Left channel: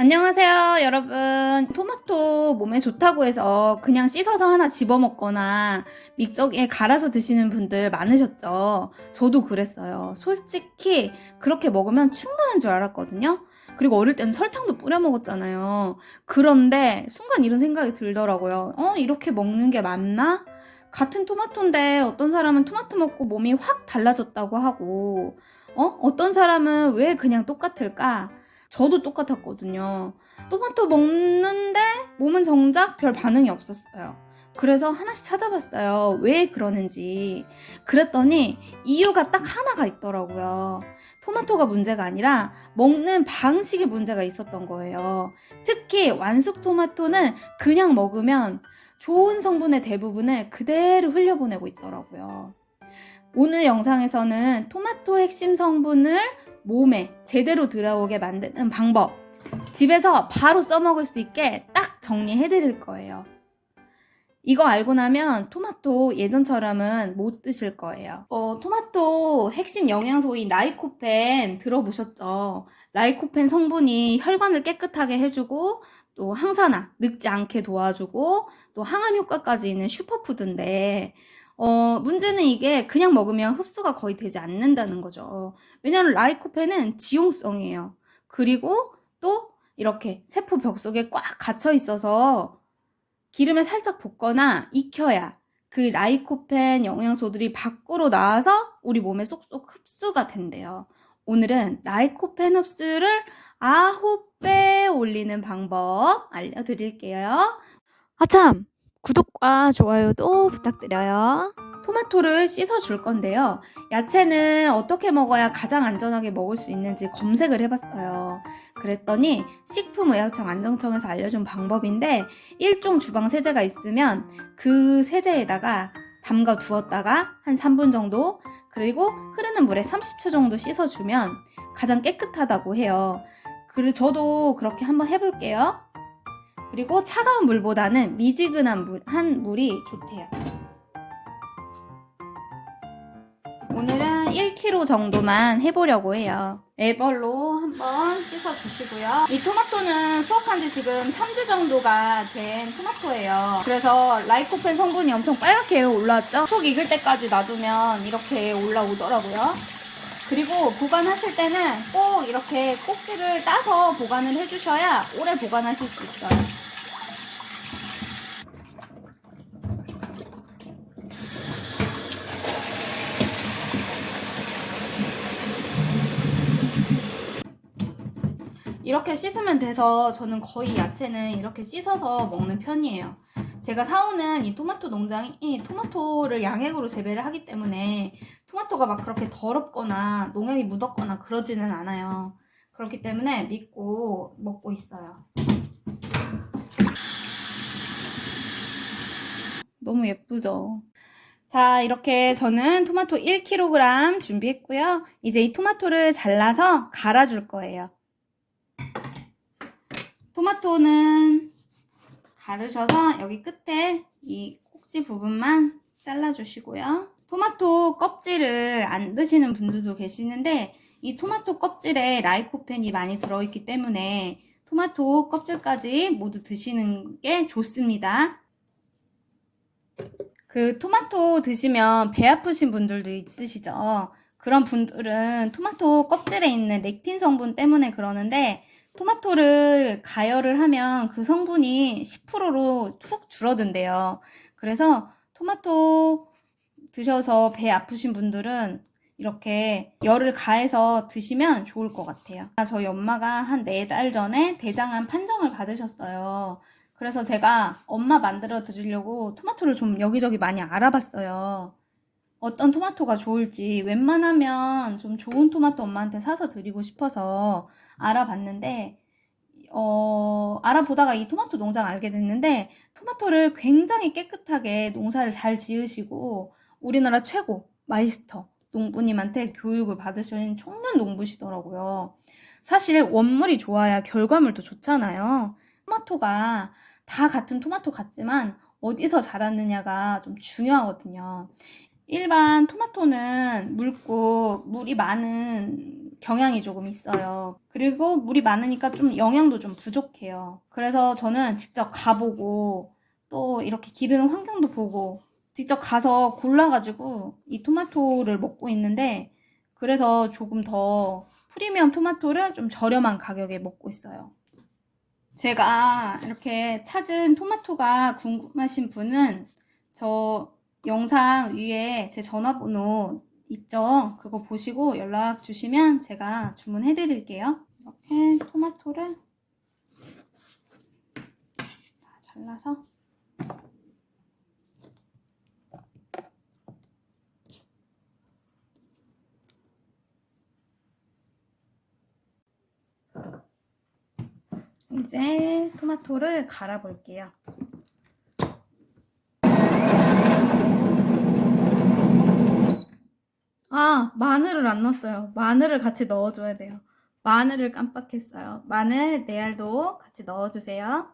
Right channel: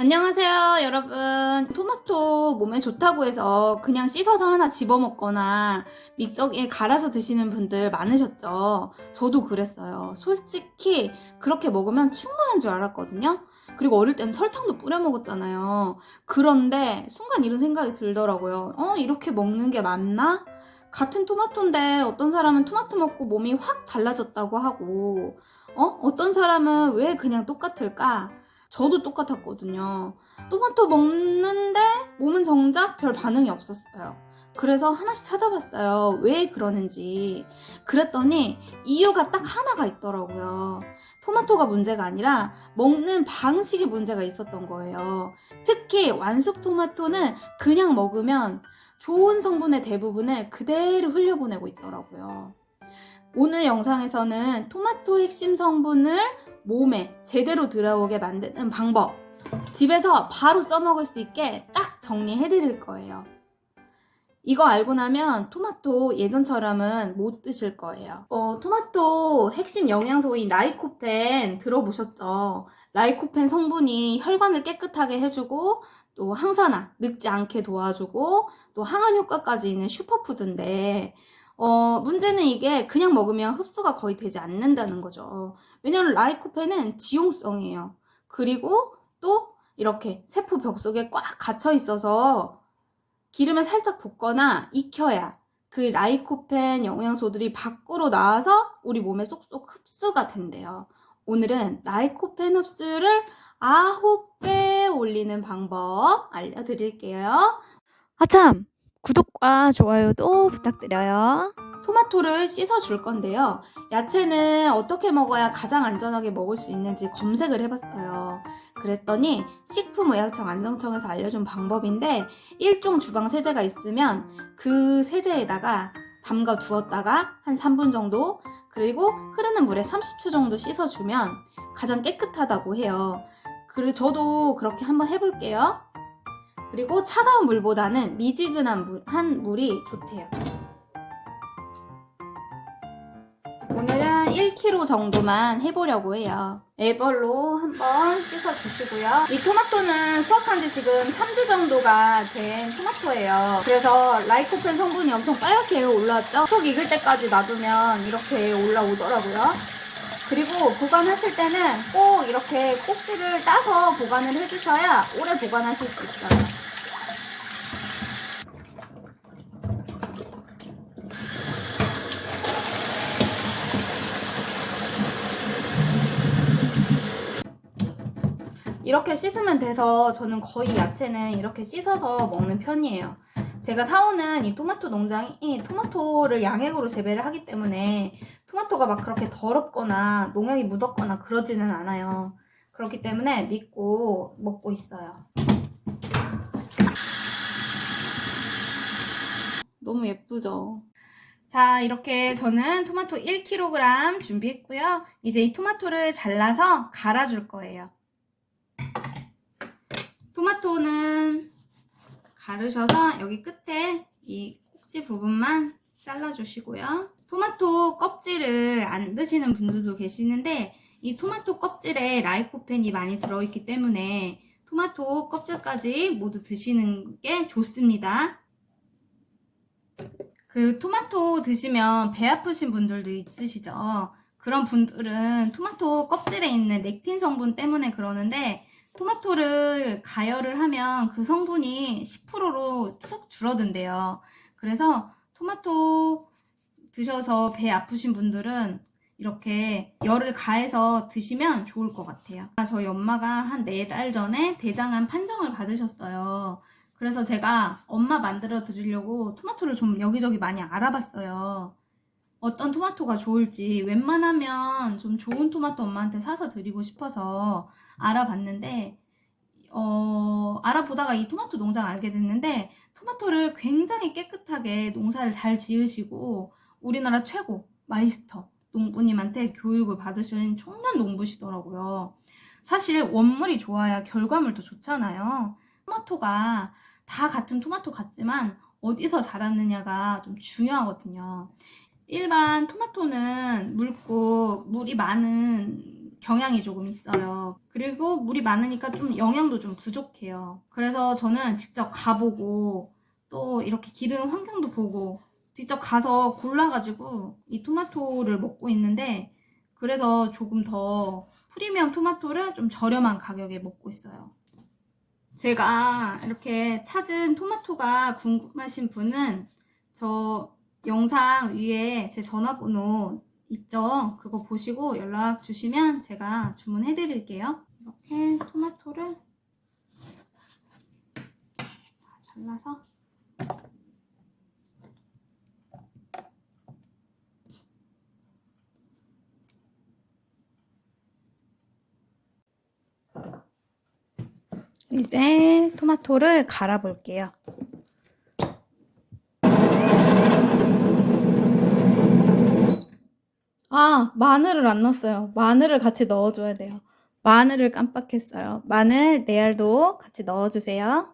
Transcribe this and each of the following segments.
안녕하세요, 여러분. 토마토 몸에 좋다고 해서 그냥 씻어서 하나 집어먹거나 믹서기에 갈아서 드시는 분들 많으셨죠? 저도 그랬어요. 솔직히 그렇게 먹으면 충분한 줄 알았거든요. 그리고 어릴 때는 설탕도 뿌려 먹었잖아요. 그런데 순간 이런 생각이 들더라고요. 이렇게 먹는 게 맞나? 같은 토마토인데 어떤 사람은 토마토 먹고 몸이 확 달라졌다고 하고, 어떤 사람은 왜 그냥 똑같을까? 저도 똑같았거든요. 토마토 먹는데 몸은 정작 별 반응이 없었어요. 그래서 하나씩 찾아봤어요. 왜 그러는지. 그랬더니 이유가 딱 하나가 있더라고요. 토마토가 문제가 아니라 먹는 방식에 문제가 있었던 거예요. 특히 완숙 토마토는 그냥 먹으면 좋은 성분의 대부분을 그대로 흘려보내고 있더라고요. 오늘 영상에서는 토마토 핵심 성분을 몸에 제대로 들어오게 만드는 방법, 집에서 바로 써먹을 수 있게 딱 정리해 드릴 거예요. 이거 알고 나면 토마토 예전처럼은 못 드실 거예요. 토마토 핵심 영양소인 라이코펜 들어보셨죠? 라이코펜 성분이 혈관을 깨끗하게 해주고 또 항산화, 늙지 않게 도와주고 또 항암 효과까지 있는 슈퍼푸드인데 문제는 이게 그냥 먹으면 흡수가 거의 되지 않는다는 거죠. 왜냐하면 라이코펜은 지용성이에요. 그리고 또 이렇게 세포 벽 속에 꽉 갇혀 있어서 기름에 살짝 볶거나 익혀야 그 라이코펜 영양소들이 밖으로 나와서 우리 몸에 쏙쏙 흡수가 된대요. 오늘은 라이코펜 흡수를 9배 올리는 방법 알려드릴게요. 참! 구독과 좋아요도 부탁드려요. 토마토를 씻어줄 건데요. 야채는 어떻게 먹어야 가장 안전하게 먹을 수 있는지 검색을 해봤어요. 그랬더니 식품의약청 안정청에서 알려준 방법인데, 일종 주방 세제가 있으면 그 세제에다가 담가 두었다가 한 3분 정도, 그리고 흐르는 물에 30초 정도 씻어주면 가장 깨끗하다고 해요. 그리고 저도 그렇게 한번 해볼게요. 그리고 차가운 물보다는 미지근한 물이 좋대요. 오늘은 1kg 정도만 해보려고 해요. 애벌로 한번 씻어주시고요. 이 토마토는 수확한 지 지금 3주 정도가 된 토마토예요. 그래서 라이코펜 성분이 엄청 빨갛게 올라왔죠? 속 익을 때까지 놔두면 이렇게 올라오더라고요. 그리고 보관하실 때는 꼭 이렇게 꼭지를 따서 보관을 해주셔야 오래 보관하실 수 있어요. 이렇게 씻으면 돼서 저는 거의 야채는 이렇게 씻어서 먹는 편이에요. 제가 사오는 이 토마토 농장이 토마토를 양액으로 재배를 하기 때문에 토마토가 막 그렇게 더럽거나 농약이 묻었거나 그러지는 않아요. 그렇기 때문에 믿고 먹고 있어요. 너무 예쁘죠? 자, 이렇게 저는 토마토 1kg 준비했고요. 이제 이 토마토를 잘라서 갈아줄 거예요. 토마토는 가르셔서 여기 끝에 이 꼭지 부분만 잘라주시고요. 토마토 껍질을 안 드시는 분들도 계시는데 이 토마토 껍질에 라이코펜이 많이 들어있기 때문에 토마토 껍질까지 모두 드시는 게 좋습니다. 그 토마토 드시면 배 아프신 분들도 있으시죠? 그런 분들은 토마토 껍질에 있는 렉틴 성분 때문에 그러는데 토마토를 가열을 하면 그 성분이 10%로 툭 줄어든대요. 그래서 토마토 드셔서 배 아프신 분들은 이렇게 열을 가해서 드시면 좋을 것 같아요. 저희 엄마가 한 4달 전에 대장암 판정을 받으셨어요. 그래서 제가 엄마 만들어 드리려고 토마토를 좀 여기저기 많이 알아봤어요. 어떤 토마토가 좋을지 웬만하면 좀 좋은 토마토 엄마한테 사서 드리고 싶어서 알아봤는데 알아보다가 이 토마토 농장 알게 됐는데 토마토를 굉장히 깨끗하게 농사를 잘 지으시고 우리나라 최고 마이스터 농부님한테 교육을 받으신 청년 농부시더라고요. 사실 원물이 좋아야 결과물도 좋잖아요. 토마토가 다 같은 토마토 같지만 어디서 자랐느냐가 좀 중요하거든요. 일반 토마토는 묽고 물이 많은 경향이 조금 있어요. 그리고 물이 많으니까 좀 영양도 좀 부족해요. 그래서 저는 직접 가보고 또 이렇게 기르는 환경도 보고 직접 가서 골라가지고 이 토마토를 먹고 있는데, 그래서 조금 더 프리미엄 토마토를 좀 저렴한 가격에 먹고 있어요. 제가 이렇게 찾은 토마토가 궁금하신 분은 저 영상 위에 제 전화번호 있죠? 그거 보시고 연락 주시면 제가 주문해 드릴게요. 이렇게 토마토를 다 잘라서 이제 토마토를 갈아 볼게요. 아, 마늘을 안 넣었어요. 마늘을 같이 넣어줘야 돼요. 마늘을 깜빡했어요. 마늘, 내알도 같이 넣어주세요.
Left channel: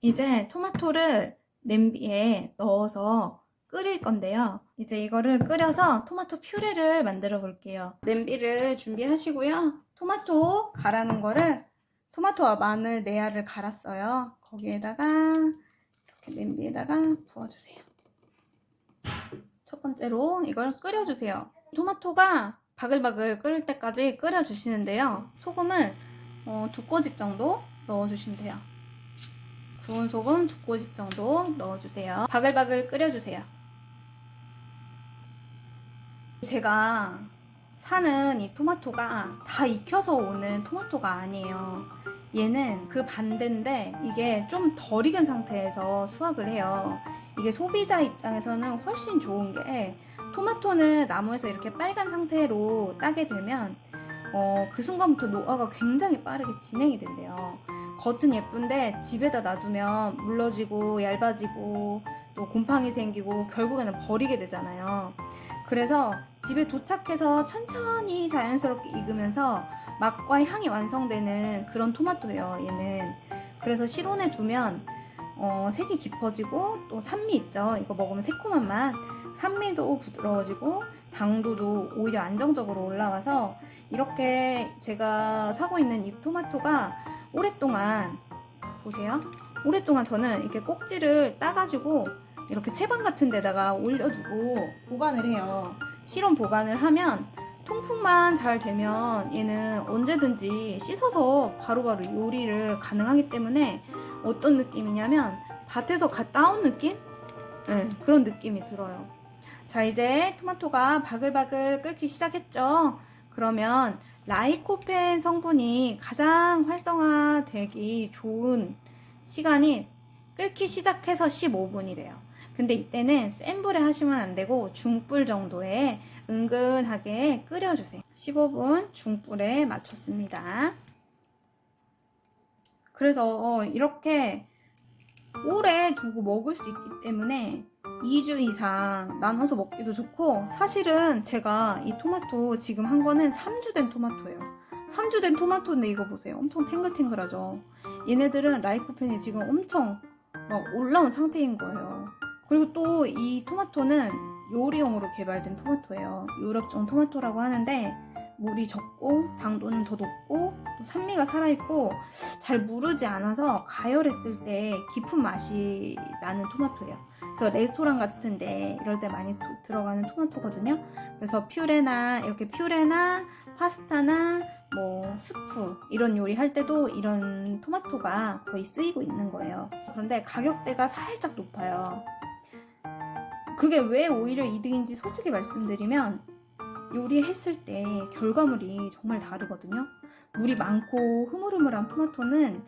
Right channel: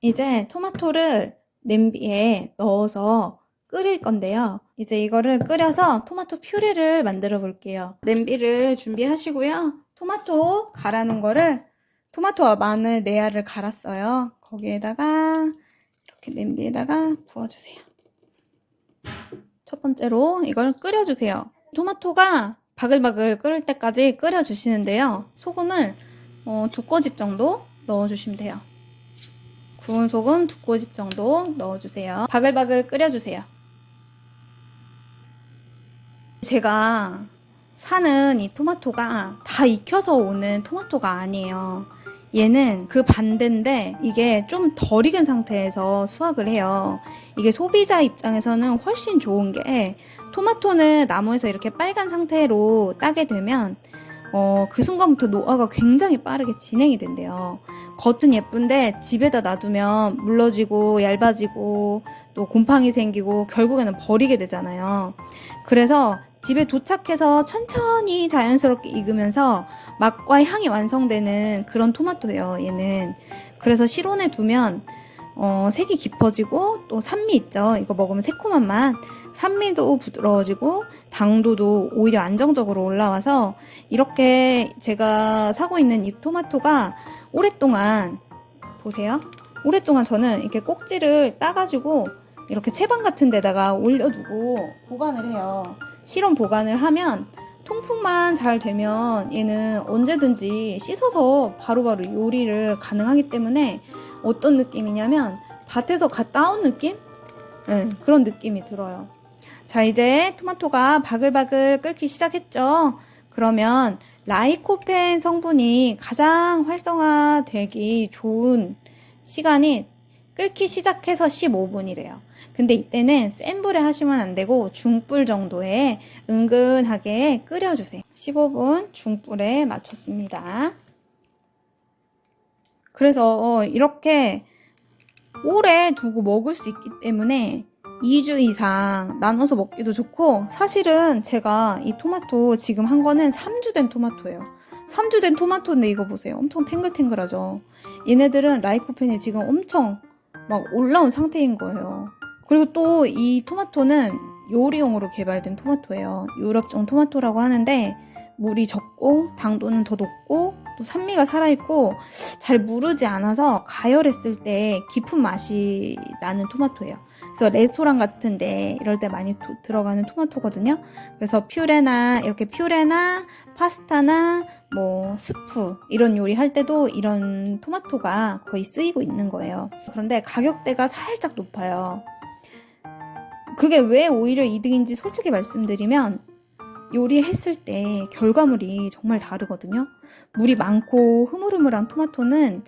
이제 토마토를 냄비에 넣어서 끓일 건데요. 이제 이거를 끓여서 토마토 퓨레를 만들어 볼게요. 냄비를 준비하시고요. 토마토 갈아놓은 거를, 토마토와 마늘, 내알을 갈았어요. 거기에다가 이렇게 냄비에다가 부어주세요. 첫 번째로 이걸 끓여주세요. 토마토가 바글바글 끓을 때까지 끓여주시는데요. 소금을 2꼬집 정도 넣어주시면 돼요. 구운 소금 2꼬집 정도 넣어주세요. 바글바글 끓여주세요. 제가 사는 이 토마토가 다 익혀서 오는 토마토가 아니에요. 얘는 그 반대인데 이게 좀 덜 익은 상태에서 수확을 해요. 이게 소비자 입장에서는 훨씬 좋은 게, 토마토는 나무에서 이렇게 빨간 상태로 따게 되면 그 순간부터 노화가 굉장히 빠르게 진행이 된대요. 겉은 예쁜데 집에다 놔두면 물러지고 얇아지고 또 곰팡이 생기고 결국에는 버리게 되잖아요. 그래서 집에 도착해서 천천히 자연스럽게 익으면서 맛과 향이 완성되는 그런 토마토예요, 얘는. 그래서 실온에 두면 색이 깊어지고 또 산미 있죠. 이거 먹으면 새콤한 맛, 산미도 부드러워지고 당도도 오히려 안정적으로 올라와서, 이렇게 제가 사고 있는 이 토마토가 오랫동안, 보세요, 오랫동안 저는 이렇게 꼭지를 따가지고 이렇게 채반 같은 데다가 올려두고 보관을 해요. 실온 보관을 하면 통풍만 잘 되면 얘는 언제든지 씻어서 바로바로 요리를 가능하기 때문에, 어떤 느낌이냐면 밭에서 갓 따온 느낌? 네, 그런 느낌이 들어요. 자, 이제 토마토가 바글바글 끓기 시작했죠? 그러면 라이코펜 성분이 가장 활성화되기 좋은 시간이 끓기 시작해서 15분이래요. 근데 이때는 센 불에 하시면 안 되고 중불 정도에 은근하게 끓여주세요. 15분 중불에 맞췄습니다. 그래서 이렇게 오래 두고 먹을 수 있기 때문에 2주 이상 나눠서 먹기도 좋고, 사실은 제가 이 토마토 지금 한 거는 3주 된 토마토예요. 3주 된 토마토인데 이거 보세요. 엄청 탱글탱글하죠. 얘네들은 라이코펜이 지금 엄청 막 올라온 상태인 거예요. 그리고 또 이 토마토는 요리용으로 개발된 토마토예요. 유럽종 토마토라고 하는데 물이 적고 당도는 더 높고 또 산미가 살아있고 잘 무르지 않아서 가열했을 때 깊은 맛이 나는 토마토예요. 그래서 레스토랑 같은데 이럴 때 많이 들어가는 토마토거든요. 그래서 이렇게 퓨레나 파스타나 뭐 스프 이런 요리 할 때도 이런 토마토가 거의 쓰이고 있는 거예요. 그런데 가격대가 살짝 높아요. 그게 왜 오히려 이득인지 솔직히 말씀드리면, 요리했을 때 결과물이 정말 다르거든요. 물이 많고 흐물흐물한 토마토는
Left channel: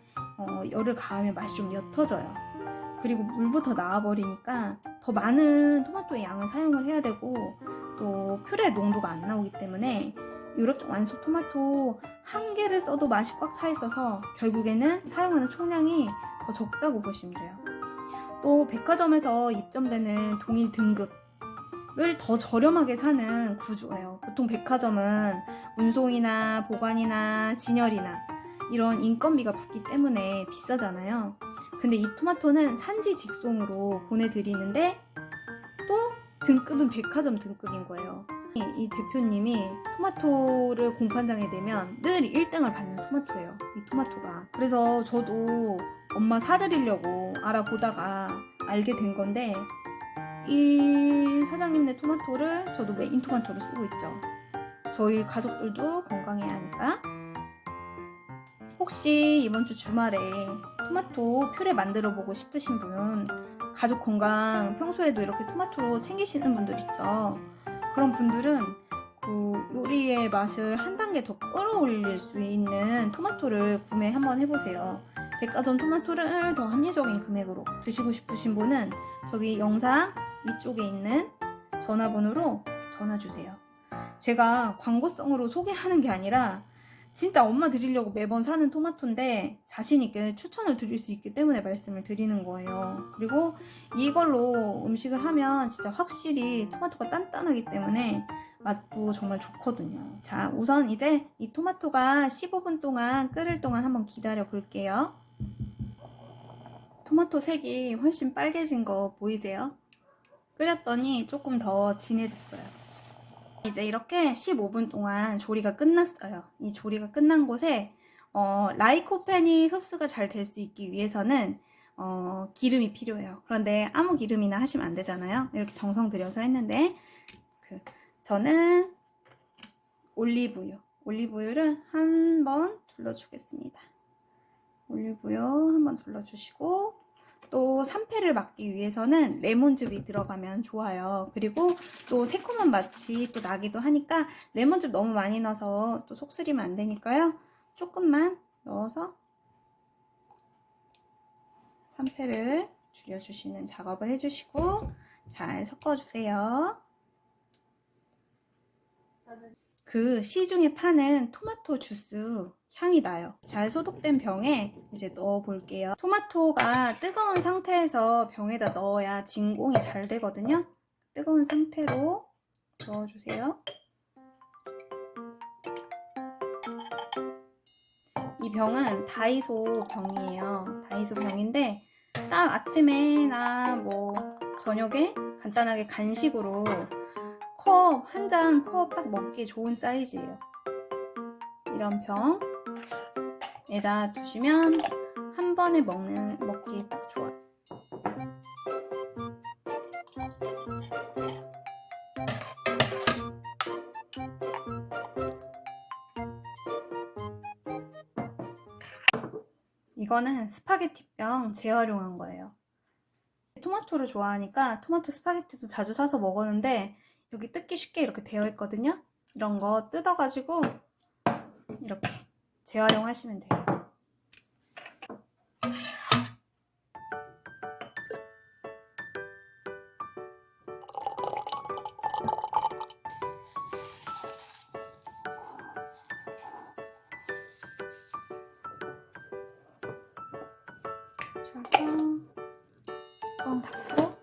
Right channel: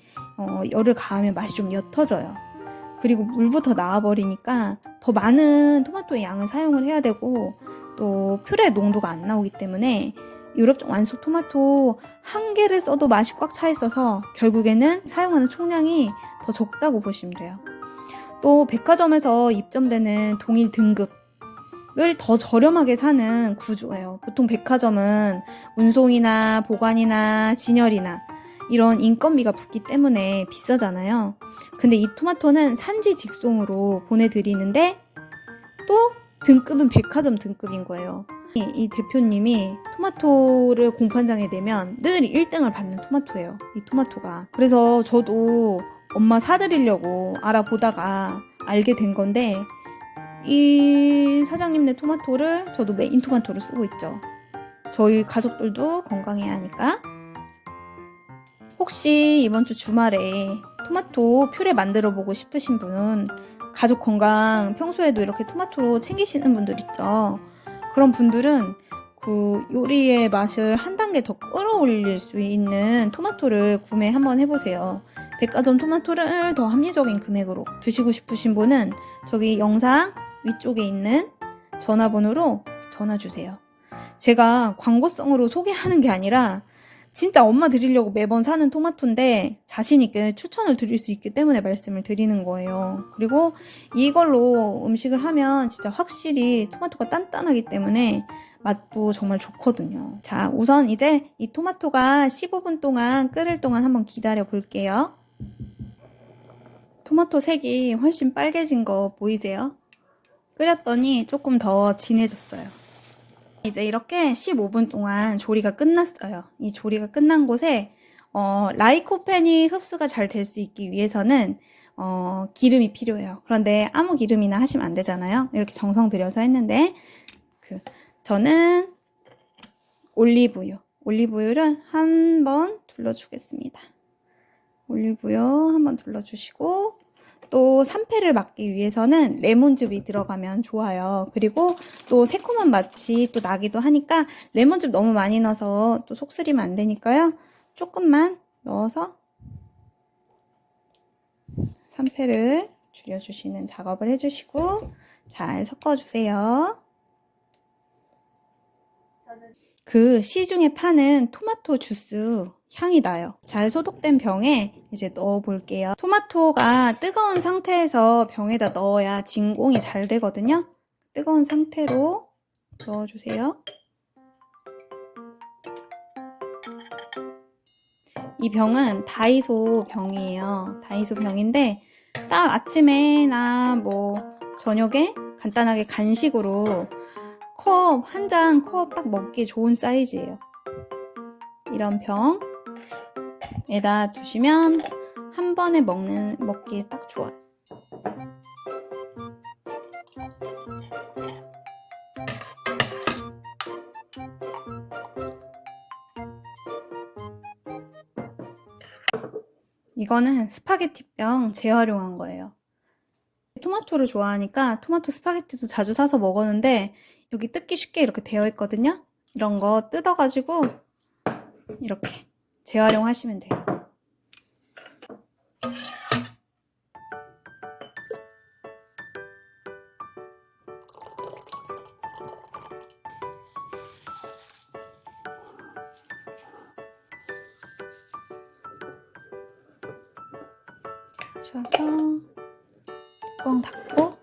열을 가하면 맛이 좀 옅어져요. 그리고 물부터 나와버리니까 더 많은 토마토의 양을 사용을 해야 되고, 또 퓨레 농도가 안 나오기 때문에 유럽종 완숙 토마토 한 개를 써도 맛이 꽉 차 있어서 결국에는 사용하는 총량이 더 적다고 보시면 돼요. 또 백화점에서 입점되는 동일 등급을 더 저렴하게 사는 구조예요. 보통 백화점은 운송이나 보관이나 진열이나 이런 인건비가 붙기 때문에 비싸잖아요. 근데 이 토마토는 산지 직송으로 보내드리는데 또 등급은 백화점 등급인 거예요. 이 대표님이 토마토를 공판장에 내면 늘 1등을 받는 토마토예요. 이 토마토가. 그래서 저도 엄마 사드리려고 알아보다가 알게 된 건데 이 사장님네 토마토를 저도 메인 토마토로 쓰고 있죠. 저희 가족들도 건강해야 하니까. 혹시 이번 주 주말에 토마토 퓨레 만들어 보고 싶으신 분, 가족 건강 평소에도 이렇게 토마토로 챙기시는 분들 있죠. 그런 분들은 그 요리의 맛을 한 단계 더 끌어올릴 수 있는 토마토를 구매 한번 해보세요. 백화점 토마토를 더 합리적인 금액으로 드시고 싶으신 분은 저기 영상 위쪽에 있는 전화번호로 전화 주세요. 제가 광고성으로 소개하는 게 아니라 진짜 엄마 드리려고 매번 사는 토마토인데 자신 있게 추천을 드릴 수 있기 때문에 말씀을 드리는 거예요. 그리고 이걸로 음식을 하면 진짜 확실히 토마토가 단단하기 때문에 맛도 정말 좋거든요. 자, 우선 이제 이 토마토가 15분 동안 끓을 동안 한번 기다려 볼게요. 토마토 색이 훨씬 빨개진 거 보이세요? 끓였더니 조금 더 진해졌어요. 이제 이렇게 15분 동안 조리가 끝났어요. 이 조리가 끝난 곳에 라이코펜이 흡수가 잘 될 수 있기 위해서는 기름이 필요해요. 그런데 아무 기름이나 하시면 안 되잖아요. 이렇게 정성 들여서 했는데 저는 올리브유를 한번 둘러주겠습니다. 올리브유 한번 둘러주시고 또 산패를 막기 위해서는 레몬즙이 들어가면 좋아요. 그리고 또 새콤한 맛이 또 나기도 하니까 레몬즙 너무 많이 넣어서 또 속쓰리면 안 되니까요. 조금만 넣어서 산패를 줄여주시는 작업을 해주시고 잘 섞어주세요. 그 시중에 파는 토마토 주스 향이 나요. 잘 소독된 병에 이제 넣어 볼게요. 토마토가 뜨거운 상태에서 병에다 넣어야 진공이 잘 되거든요. 뜨거운 상태로 넣어주세요. 이 병은 다이소 병이에요. 다이소 병인데 딱 아침에나 뭐 저녁에 간단하게 간식으로 컵 한 잔 컵 딱 먹기 좋은 사이즈예요. 이런 병에다 두시면 한 번에 먹기에 딱 좋아요. 이거는 스파게티병 재활용한 거예요. 토마토를 좋아하니까 토마토 스파게티도 자주 사서 먹었는데 여기 뜯기 쉽게 이렇게 되어 있거든요. 이런 거 뜯어가지고 이렇게 재활용하시면 돼요. 셔서 뚜껑 닫고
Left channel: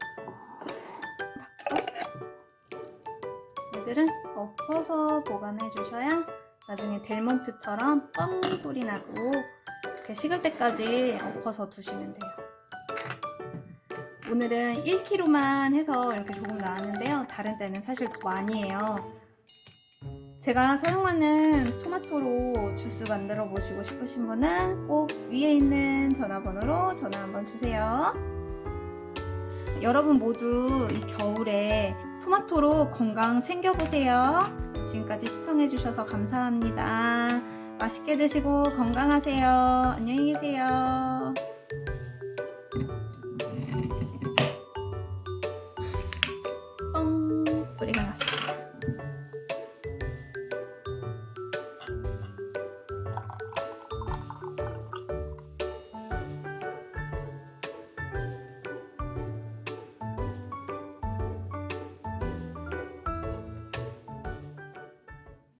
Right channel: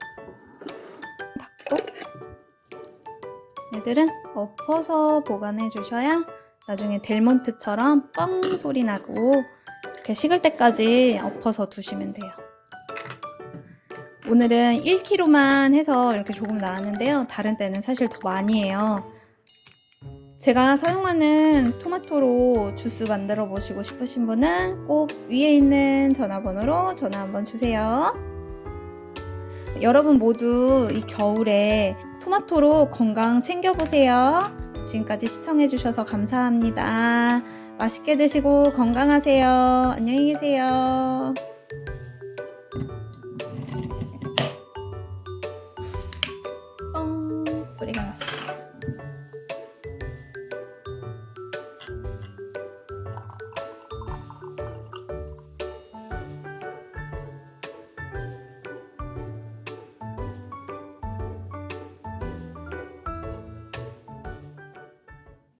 얘들은 엎어서 보관해 주셔야 나중에 델몬트처럼 뻥 소리 나고 이렇게 식을 때까지 엎어서 두시면 돼요. 오늘은 1kg만 해서 이렇게 조금 나왔는데요. 다른 때는 사실 더 많이 해요. 제가 사용하는 토마토로 주스 만들어 보시고 싶으신 분은 꼭 위에 있는 전화번호로 전화 한번 주세요. 여러분 모두 이 겨울에 토마토로 건강 챙겨보세요. 지금까지 시청해주셔서 감사합니다. 맛있게 드시고 건강하세요. 안녕히 계세요.